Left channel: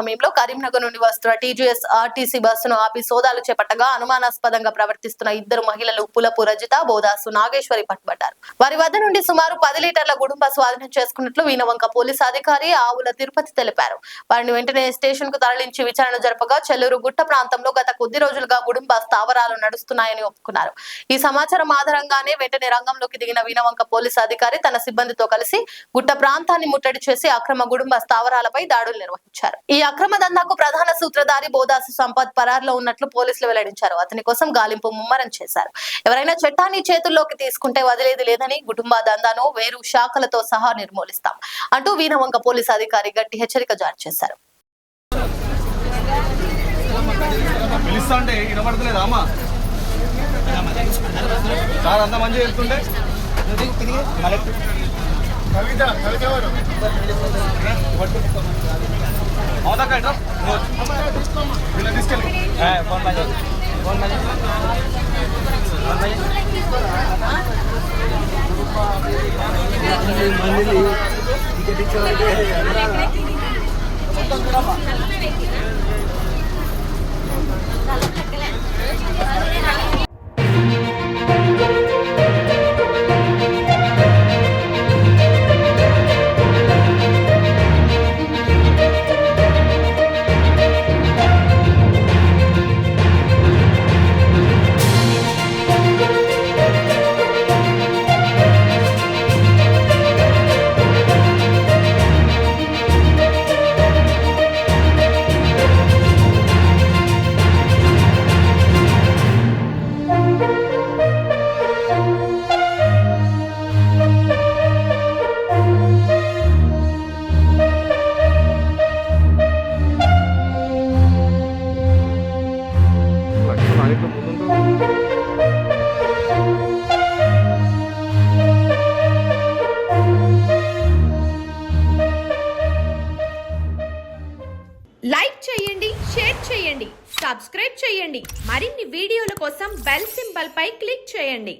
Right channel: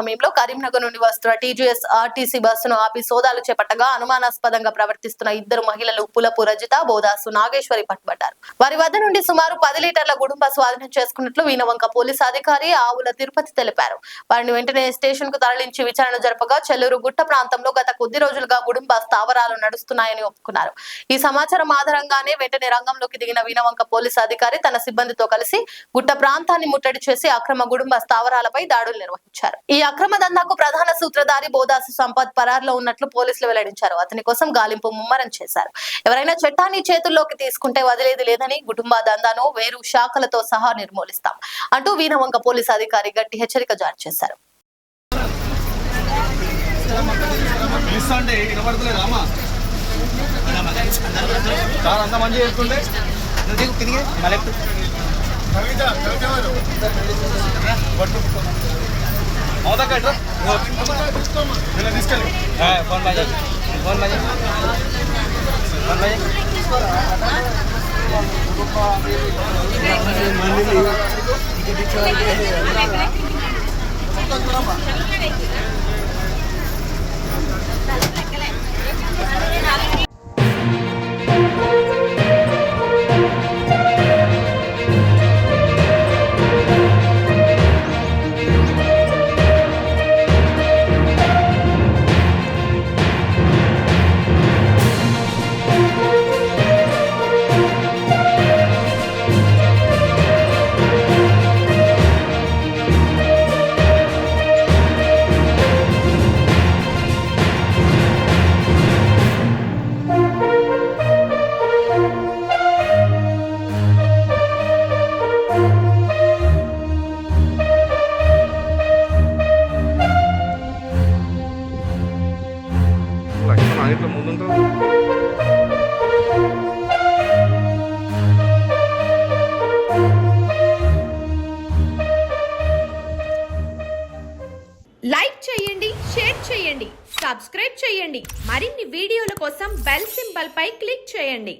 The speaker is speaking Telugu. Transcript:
సమయంలో కరీంనగర్ నుండి వస్తున్న టీజీఎస్ ఆర్టీసీ బస్సును ఆపి సోదాలు చేపట్టగా అనుమానాస్పదంగా ప్రవర్తిస్తున్న ఇద్దరు మహిళలు పులపు రజిత, బోదాసు నాగేశ్వరి పట్టుబడ్డారు. వారి వద్ద నుండి సుమారు 10 లీటర్ల గుడుంబ స్వాధీనం చేసుకున్నట్లు వీణవంక పోలీసు అధికారి ఆవుల తిరుపతి తెలిపారు. వారిని వెంటనే స్టేషన్ కు తరలించి విచారణ జరపగా చెల్లూరు గుట్ట ప్రాంతంలో గత కొద్ది రోజులుగా గుడుంబ స్థావరాలు నడుస్తున్నాయని ఒప్పుకున్నారు. ఈ సమాచారం ఆధారంగానే వెంటనే రంగంలోకి దిగిన వీణవంక పోలీసు అధికారి తన సిబ్బందితో కలిసి గుట్ట ప్రాంతాన్ని ముట్టడి చేసి అక్రమ గుడుంబ స్థావరాలపై దాడులు నిర్వహించారు. ఈ అక్రమ దందాకు ప్రధాన సూత్రధారి బోదాసు సంపత్ పరార్లో ఉన్నట్లు పోలీసులు వెల్లడించారు. అతని కోసం గాలింపు ముమ్మరం చేశారు. ఎవరైనా చట్టాన్ని చేతుల్లోకి తీసుకుంటే వదిలేది లేదని, కుటుంబ దందాను వేరు శాఖలతో సహా నిర్మూలిస్తాం అంటూ వీణవంక పోలీసు అధికారి గట్టి హెచ్చరిక జారీ చేశారు. లైక్ చేయండి, షేర్ చేయండి, సబ్స్క్రైబ్ చేయండి. మరిన్ని వీడియోల కోసం బెల్ సింబల్ పై క్లిక్ చేయండి.